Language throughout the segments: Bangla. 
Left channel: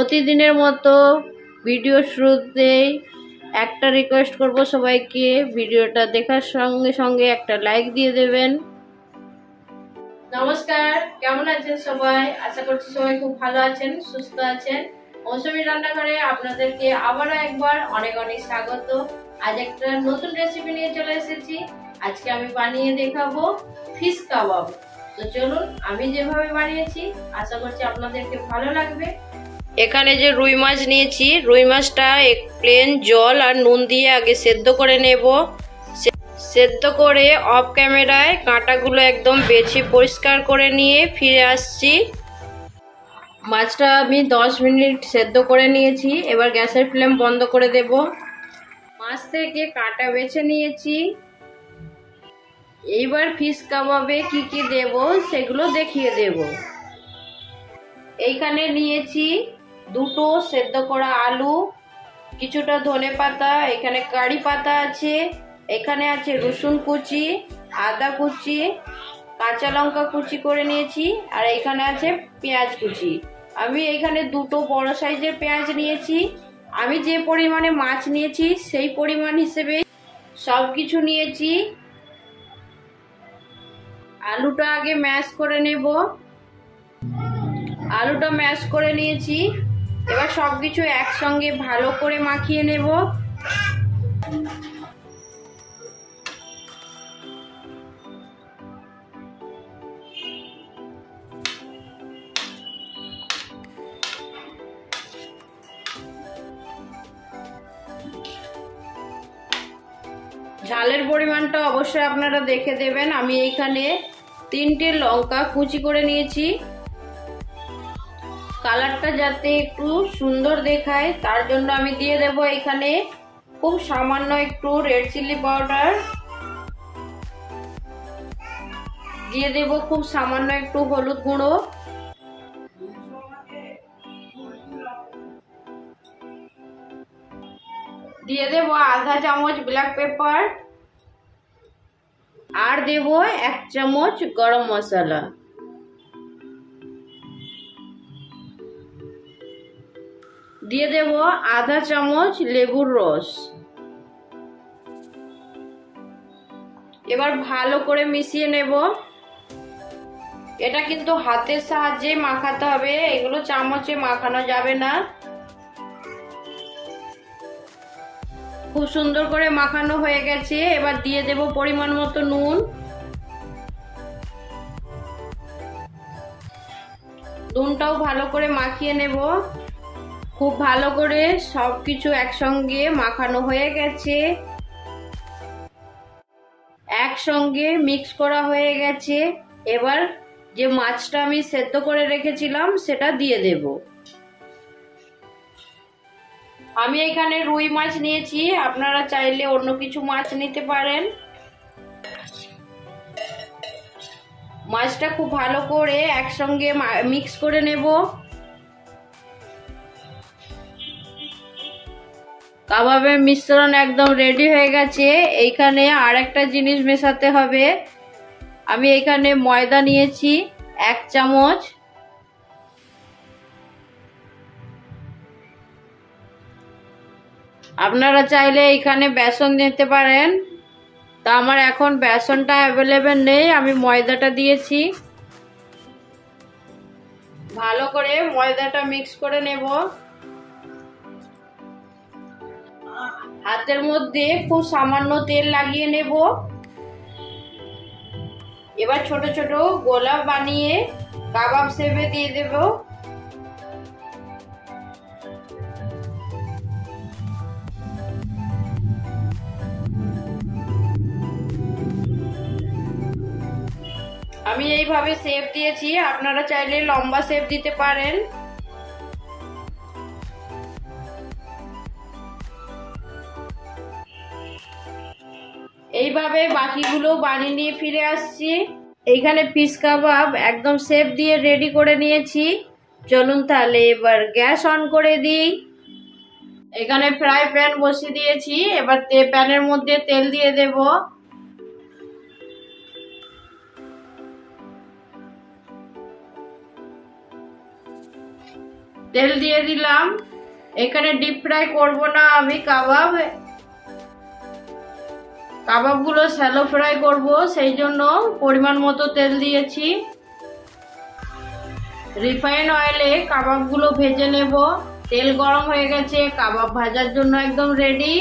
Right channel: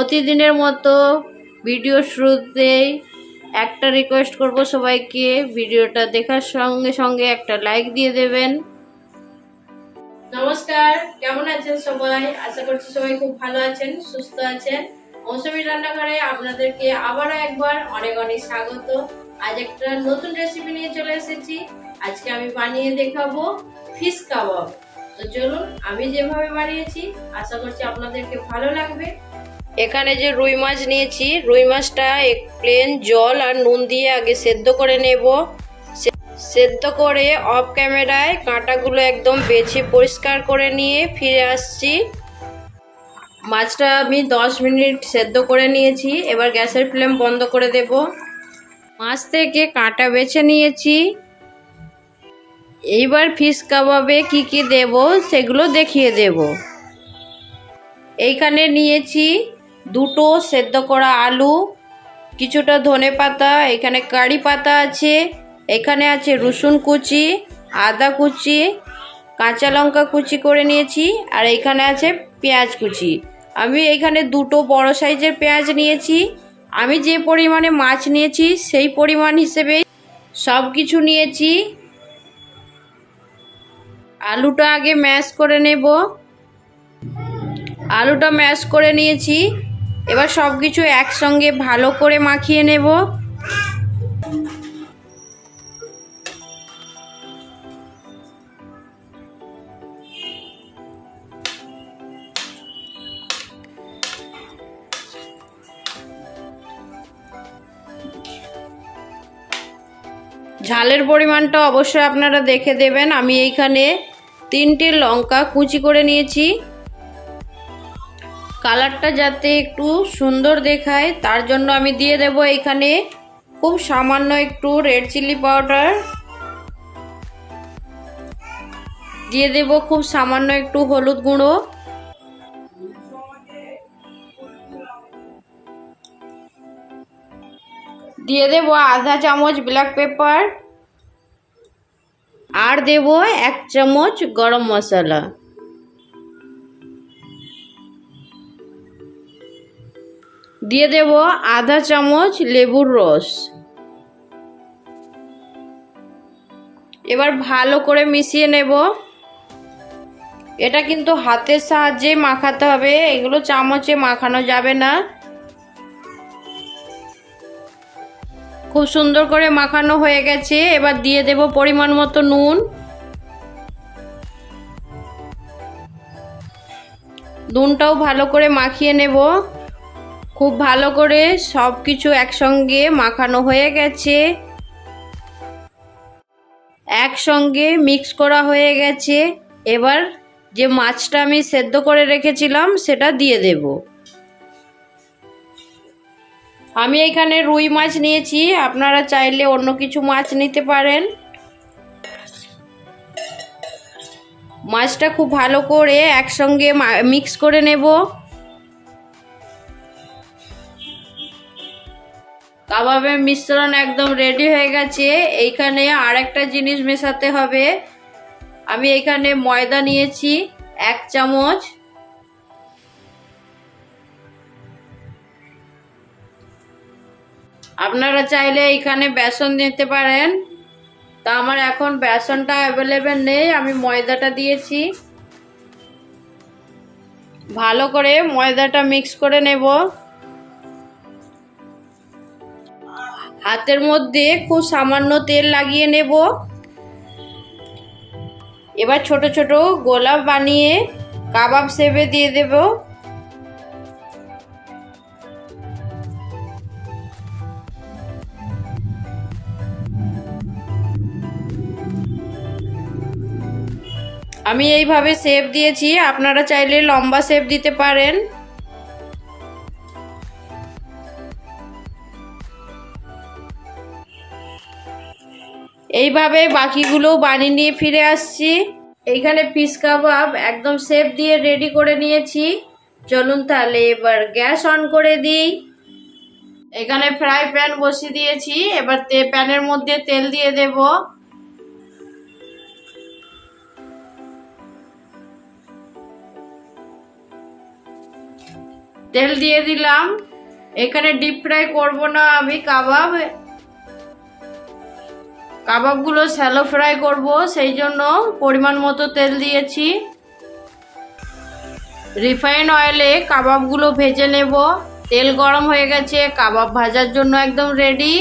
প্রতিদিনের মতো ভিডিও শুরুতেই একটা রিকোয়েস্ট করব সবাইকে, ভিডিওটা দেখার সঙ্গে সঙ্গে একটা লাইক দিয়ে দেবেন। নমস্কার, কেমন আছেন সবাই? আশা করছি সবাই খুব ভালো আছেন, সুস্থ আছেন। মৌসুমী রান্নাঘরে আপনাদেরকে আবারও একবার অনেক অনেক স্বাগত। আজ একটা নতুন রেসিপি নিয়ে চলে এসেছি। আজকে আমি বানিয়ে দেখাবো ফিশ কাবাব। তো চলুন, আমি যেভাবে বানিয়েছি আশা করছি আপনাদেরকে ভালো লাগবে। এখানে যে রুই মাছ নিয়েছি, রুই মাছটা প্লেন জল আর নুন দিয়ে আগে সেদ্ধ করে নেব। সেদ্ধ করে অফ ক্যামেরায় কাঁটাগুলো একদম বেছে পরিষ্কার করে নিয়ে ফিরে আসছি। মাছটা আমি 10 মিনিট সেদ্ধ করে নিয়েছি। এবার গ্যাসের ফ্লেম বন্ধ করে দেব। মাছ থেকে কাঁটা বেছে নিয়েছি। এইবার ফিশ কাবাবে কি কি দেব সেগুলো দেখিয়ে দেব। এইখানে নিয়েছি দুটো সেদ্ধ করা আলু, কিছুটা ধনেপাতা, এখানে কারি পাতা আছে, এখানে আছে রসুন কুচি, আদা কুচি, কাঁচা লঙ্কা কুচি করে নিয়েছি, আর এখানে আছে পেঁয়াজ কুচি। আমি এখানে দুটো বড় সাইজের পেঁয়াজ নিয়েছি। আমি যে পরিমাণে মাছ নিয়েছি সেই পরিমাণ হিসেবে সব কিছু নিয়েছি। আলুটা আগে ম্যাশ করে নেব। আলুটা ম্যাশ করে নিয়েছি। এবার সব কিছু একসঙ্গে ভালো করে মাখিয়ে নেব। ঝালের পরিমাণটা অবশ্যই আপনারা দেখে দেবেন। আমি এইখানে 3টে লঙ্কা কুচি করে নিয়েছি। কালারটা যাতে একটু সুন্দর দেখায় তার জন্য আমি দিয়ে দেব এখানে খুব সামান্য একটু রেড চিলি পাউডার, দিয়ে দেব খুব সামান্য একটু হলুদ গুঁড়ো, দিয়ে দেব আধা চামচ ব্ল্যাক পেপার, আর দেব 1 চামচ গরম মশলা। দিয়ে দেব আধা চামচ লেবুর রস। এবার ভালো করে মিশিয়ে নেব। এটা কিন্তু হাতের সাহায্যে মাখাতে হবে, এগুলো চামচে মাখানো যাবে না। খুব সুন্দর করে মাখানো হয়ে গেছে। এবার দিয়ে দেব পরিমাণ মতো নুন। নুনটাও ভালো করে মাখিয়ে নেব। খুব ভালো করে সব কিছু একসঙ্গে মাখানো হয়ে গেছে। একসঙ্গে মিক্স করা হয়ে গেছে। এবার যে মাছটা আমি সেদ্ধ করে রেখেছিলাম সেটা দিয়ে দেব। আমি এখানে রুই মাছ নিয়েছি, আপনারা চাইলে অন্য কিছু মাছ নিতে পারেন। মাছটা খুব ভালো করে একসঙ্গে মিক্স করে নেব। কাবাবের মিশ্রণ একদম রেডি হয়ে গেছে। এইখানে আর একটা জিনিস মেশাতে হবে। আমি এখানে ময়দা নিয়েছি 1 চামচ। আপনারা চাইলে এখানে বেসন দিতে পারেন, তা আমার এখন বেসনটা অ্যাভেলেবেল নেই, আমি ময়দাটা দিয়েছি। ভালো করে ময়দাটা মিক্স করে নেব। হাতের মধ্যে খুব সামান্য তেল লাগিয়ে নেব। এবার ছোট ছোট গোলা বানিয়ে কাবাব শেপে দিয়ে দেব। আমি এইভাবে শেপ দিয়েছি, আপনারা চাইলে লম্বা শেপ দিতে পারেন। এইভাবে বাকিগুলো বানিয়ে নিয়ে ফিরে আসছি। এইখানে ফিশ কাবাব একদম শেপ দিয়ে রেডি করে নিয়েছি। চলুন তাহলে এবার গ্যাস অন করে দিই। এখানে ফ্রাই প্যান বসিয়ে দিয়েছি। এবার প্যানের মধ্যে তেল দিয়ে দেব। তেল দিয়ে দিলাম। এখানে ডিপ ফ্রাই করব না আমি কাবাবগুলো শ্যালো ফ্রাই করব, সেই জন্য পরিমাণ মতো তেল দিয়েছি। রিফাইন অয়েলে কাবাবগুলো ভেজে নেব। তেল গরম হয়ে গেছে, কাবাব ভাজার জন্য একদম রেডি।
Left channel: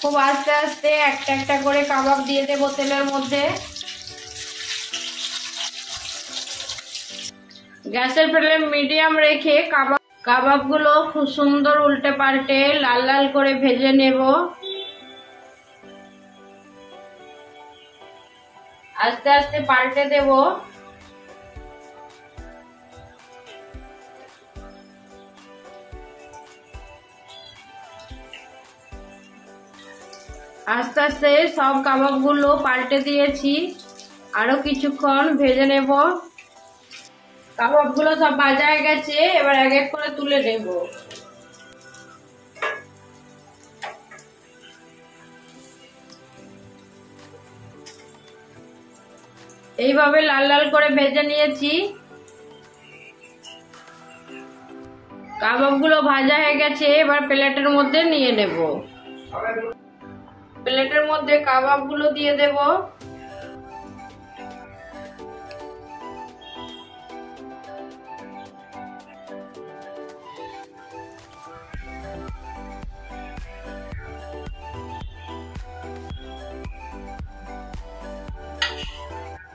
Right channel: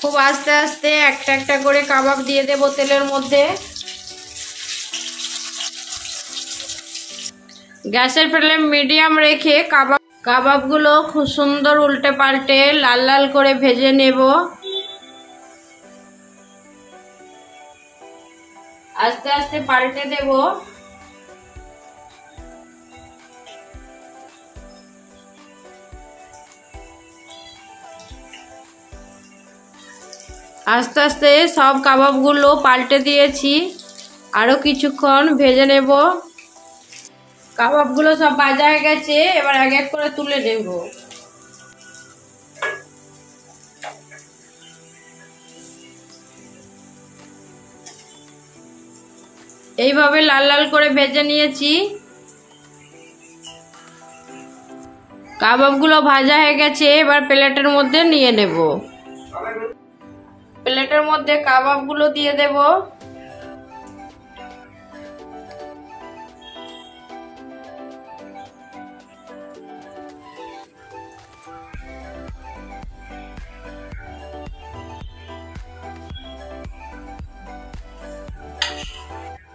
খুব আস্তে আস্তে একটা একটা করে কাবাব দিয়ে দেব তেলের মধ্যে। গ্যাসের ফ্লেম মিডিয়াম রেখে কাবাবগুলো খুব সুন্দর উল্টে পাল্টে লাল লাল করে ভেজে নেব। আস্তে আস্তে পাল্টে দেব। আস্তে আস্তে সব কাবাবগুলো পাল্টে দিয়েছি, আরো কিছুক্ষণ ভেজে নেব। কাবাবগুলো সব ভাজা হয়ে গেছে, এবার এক এক করে তুলে নেব। এইভাবে লাল লাল করে ভেজে নিয়েছি। কাবাবগুলো ভাজা হয়ে গেছে, এবার প্লেটের মধ্যে নিয়ে নেব। প্লেটের মধ্যে কাবাবগুলো দিয়ে দেব।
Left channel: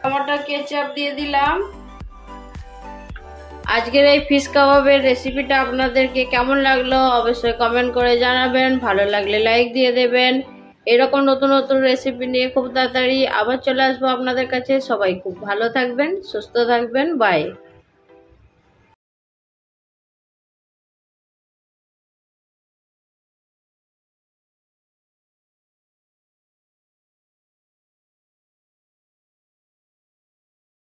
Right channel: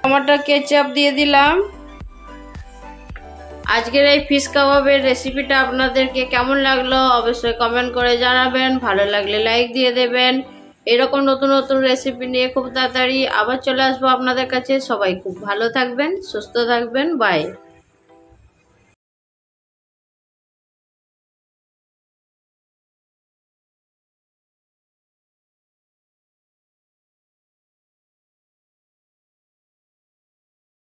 টমেটো কেচাপ দিয়ে দিলাম। আজকের এই ফিশ কাবাবের রেসিপিটা আপনাদেরকে কেমন লাগলো অবশ্যই কমেন্ট করে জানাবেন। ভালো লাগলে লাইক দিয়ে দেবেন। এরকম নতুন নতুন রেসিপি নিয়ে খুব তাড়াতাড়ি আবার চলে আসবো আপনাদের কাছে। সবাই খুব ভালো থাকবেন, সুস্থ থাকবেন। বাই।